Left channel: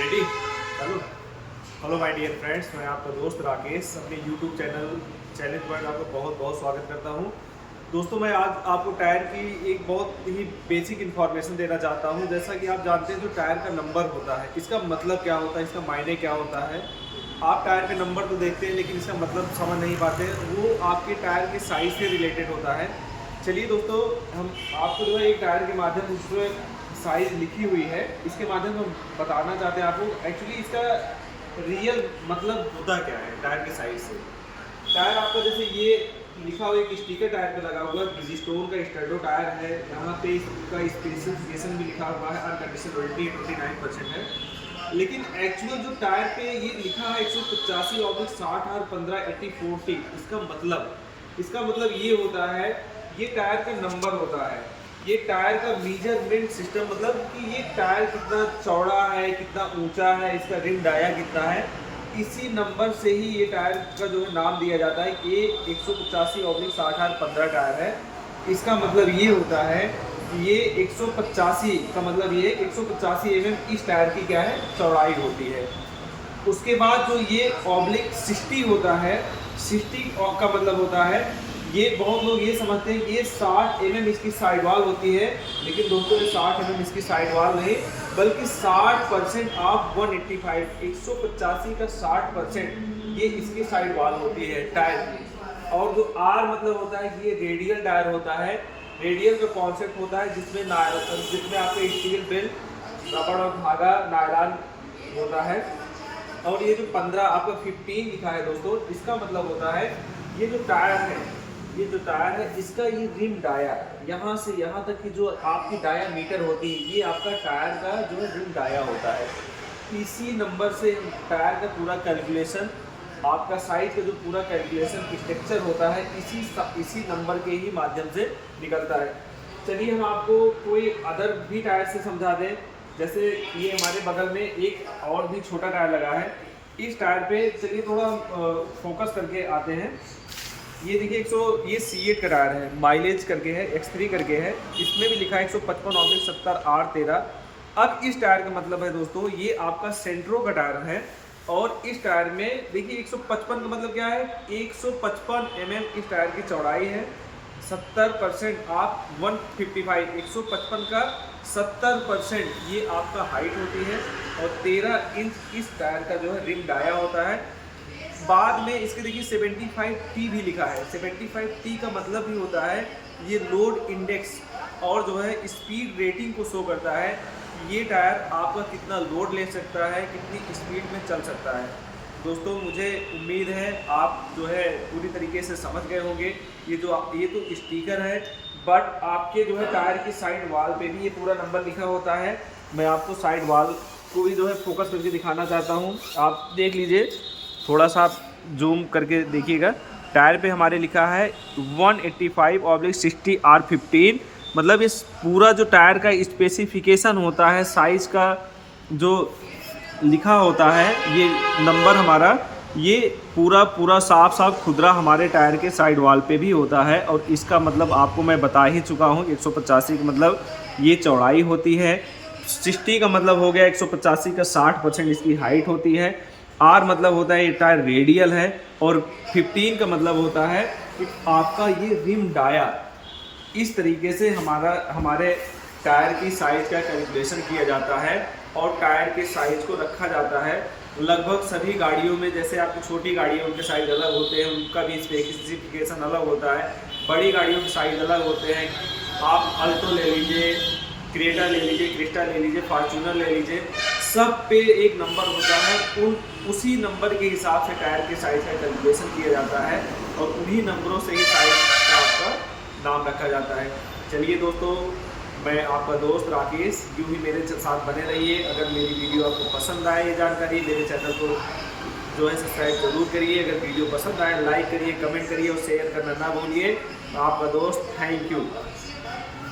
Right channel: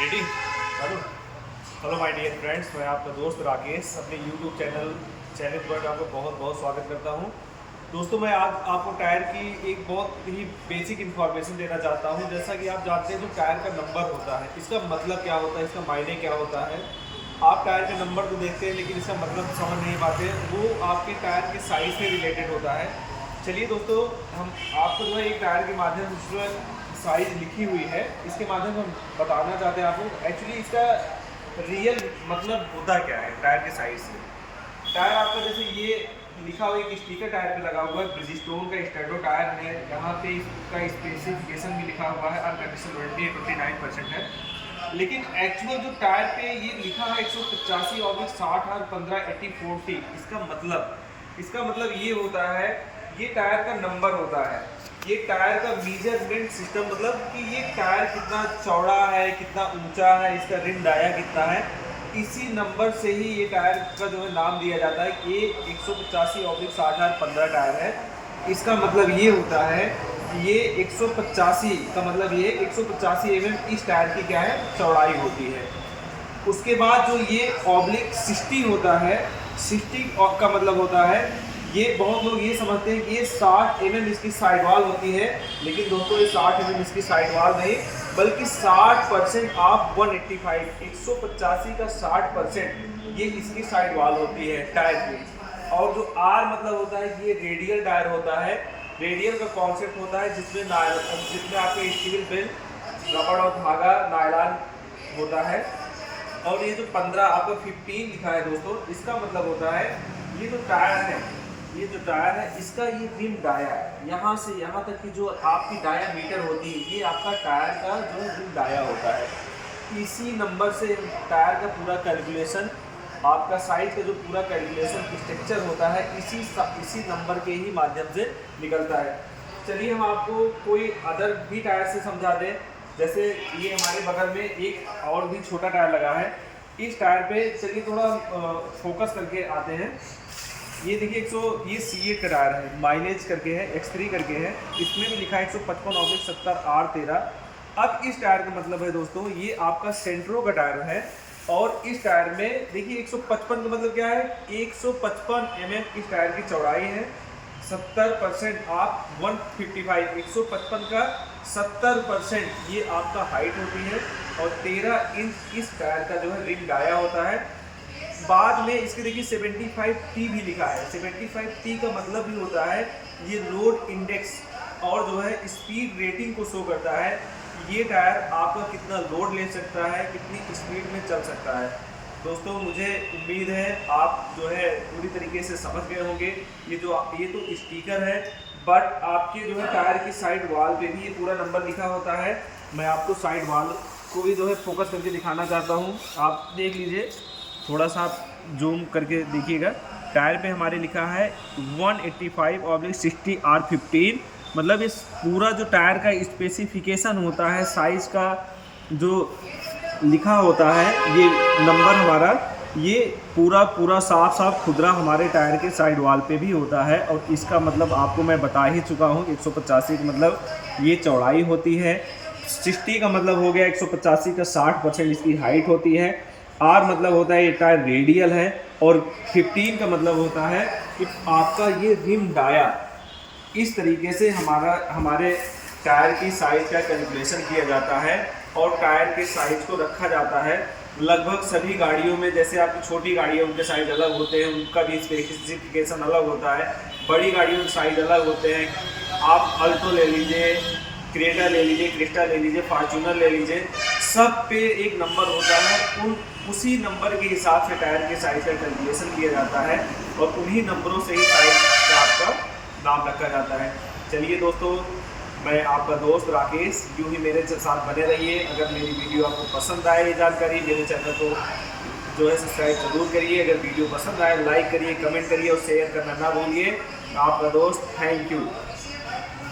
Ready चलो। Hello my dear friends, मैं आपका दोस्त राकेश अपने यूट्यूब चैनल पर आपका बहुत बहुत स्वागत करता हूं। दोस्तों, मैं आज आपको टायर की एक बहुत ही बेसिक इन्फॉर्मेशन देना चाहता हूं। जैसा कि आप जानते हैं, जो टायर का नंबर होता है, इसका मतलब क्या होता है, इसका मायने क्या होता है। आप टायर के नंबर तो देखते हैं, लेकिन इसका मतलब समझ नहीं पाते। वो आपके टायर के साइज़ से रिलेटेड होता है। चलिए दोस्तों, हम आपको जो है एक टायर के माध्यम से साइज़ लिखी हुई है, इसके माध्यम से हम बताना चाहते हैं आपको एक्चुअली इसका रियल मतलब होता क्या है टायर के साइज़ से। टायर आपका जैसे ये लिखा हुआ एक स्टिकर टायर पे लगा हुआ है, ब्रिजिस्टोन का स्टैंडो टायर है। यहाँ पे इसका स्पेसिफिकेशन भी लिखा हुआ है, अनकंडीशनल वारंटी 29% है। लेकिन एक्चुअल जो टायर पे ये लिखा है 185/60 और 15/80/40, इसका मतलब ये होता है, ये टायर का नंबर होता है। ये टायर का मेजरमेंट सिस्टम, मतलब कि ये टायर कितना चौड़ा है, कितना ऊंचा है, इसका रिम डाया कितना है, इसी नंबर से ही ये टायर का जो है नाम दिया जाता है। ये 185/60 और 15 टायर है। इसका मतलब ये होता है कि ये 185 का मतलब ये 185 इस टायर की क्या है, चौड़ाई होती है। उसके बाद जो ये /60 होता है, 60 का मतलब होता है, ये बहुत लोग ये समझते हैं कि ये 60 इसकी साइड वाल होती है। लेकिन दोस्तों, ये 60 इसकी साइड वाल नहीं, बल्कि 60% ऑफ 185, 185 का 60% ये इसकी साइड वाल होती है टायर की। और जो आर मतलब होता है, ये रेडियल टायर होता है। रेडियल का कॉन्सेप्ट होता है जिसमें आपके स्टील बेल्ट, रबड़ और धागा, नायलॉन होता है। और ये जो 15 आपका 15 लिखा है दोस्तों, इसका मतलब होता है ये जो टायर है, इसका ये रिम डाया, यहाँ से यहाँ तक की जो आपकी डायामीटर होती है, ये आपका टायर का जो रिम डाया होता है। इसी नंबर से टायर का पूरा कैलकुलेशन, आपका साइज का जो पूरा कैलकुलेशन स्ट्रक्चर होता है, इसी नंबर के ही माध्यम से निकलता है। चलिए हम आपको कोई अदर भी टायर से समझा दें। जैसे ये हमारे बगल में एक और भी छोटा टायर लगा है। इस टायर पे चलिए थोड़ा फोकस करके आते हैं। ये देखिए ये C8 का टायर है, माइलेज करके है, X3 करके है। इसमें भी लिखा है 155/70R13। अब इस टायर का मतलब है दोस्तों, ये आपका सेंट्रो का टायर है। और इस टायर में देखिए 155 का मतलब क्या है, 155 इस टायर की चौड़ाई है। 70% आप 155, 155 का 70% ये आपका हाइट होती है। और 13 इंच इस टायर का जो है रिम डाया होता है। बाद में इसके देखिए 75T भी लिखा है। 75T का मतलब भी होता है, ये लोड इंडेक्स और जो है स्पीड रेटिंग को शो करता है। ये टायर आपका कितना लोड ले सकता है, कितनी स्पीड में चल सकता है। दोस्तों, मुझे उम्मीद है आप जो है पूरी तरीके से समझ गए होंगे। ये तो स्टिकर है, बट आपके जो है टायर की साइड वाल पे भी ये पूरा नंबर लिखा होता है। मैं आपको साइड वाल को भी जो है फोकस करके दिखाना चाहता हूँ। आप देख लीजिए, थोड़ा सा आप जूम करके देखिएगा। टायर पे हमारे लिखा है 185/60R15। मतलब इस पूरा जो टायर का स्पेसिफिकेशन होता है, साइज़ का जो लिखा होता है, ये नंबर हमारा, ये पूरा साफ खुदरा हमारे टायर के साइड वाल पे भी होता है। और इसका मतलब आपको मैं बता ही चुका हूँ। 185 का मतलब ये चौड़ाई होती है। 60 का मतलब हो गया 185 का 60% इसकी हाइट होती है। आर मतलब होता है ये टायर रेडियल है। और 15 का मतलब होता है कि आपका ये रिम डाया। इस तरीके से हमारे टायर की साइज़ का कैलकुलेशन किया जाता है और टायर के साइज़ को रखा जाता है। लगभग सभी गाड़ियों में, जैसे आपकी छोटी गाड़ियाँ उनके साइज़ अलग होते हैं, उनका भी स्पेसिफिकेशन अलग होता है। बड़ी गाड़ियों के साइज़ अलग होते हैं। आप अल्टो ले लीजिए, क्रेटा ले लीजिए, क्रिस्टा ले लीजिए, फॉर्च्यूनर ले लीजिए, सब पे एक नंबर होता है। उसी नंबर के हिसाब से टायर के साइज़ का कैलकुलेशन किया जाता है और उन्हीं नंबरों से ही साइज़ का आपका नाम रखा जाता है। चलिए दोस्तों, मैं आपका दोस्त राकेश, यूँ ही मेरे साथ बने रहिए। अगर मेरी वीडियो आपको पसंद आए, ये जानकारी, मेरे चैनल को जो है सब्सक्राइब जरूर करिए। अगर वीडियो पसंद आए, लाइक करिए, कमेंट करिए और शेयर करना ना भूलिए। आपका दोस्त, थैंक यू।